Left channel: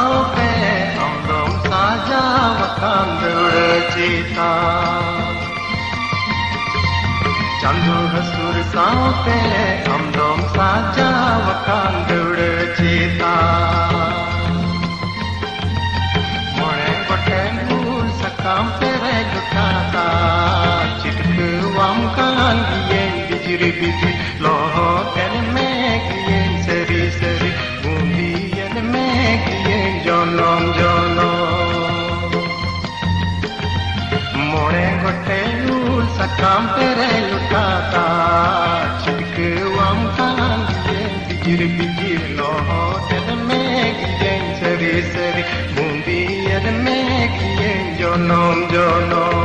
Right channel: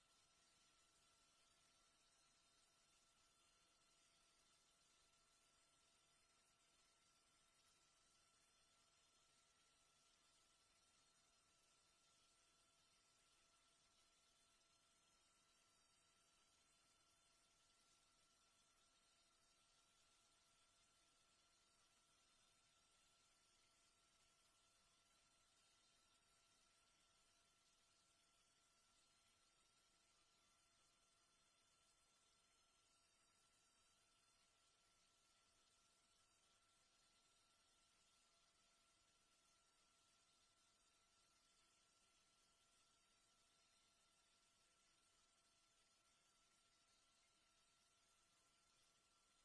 साओpe amdom saja wakandur cita Chandu hasur saope amdom saja wakandur cita More gotengur sakam pere lutata chitku wamkan giyen bijir bijir loho ken me giyen seri seri bundi yen me giyen jonom jonom More gotengur sakam pere lutata chitku wamkan giyen bijir bijir loho ken me giyen seri seri bundi yen me giyen jonom jonom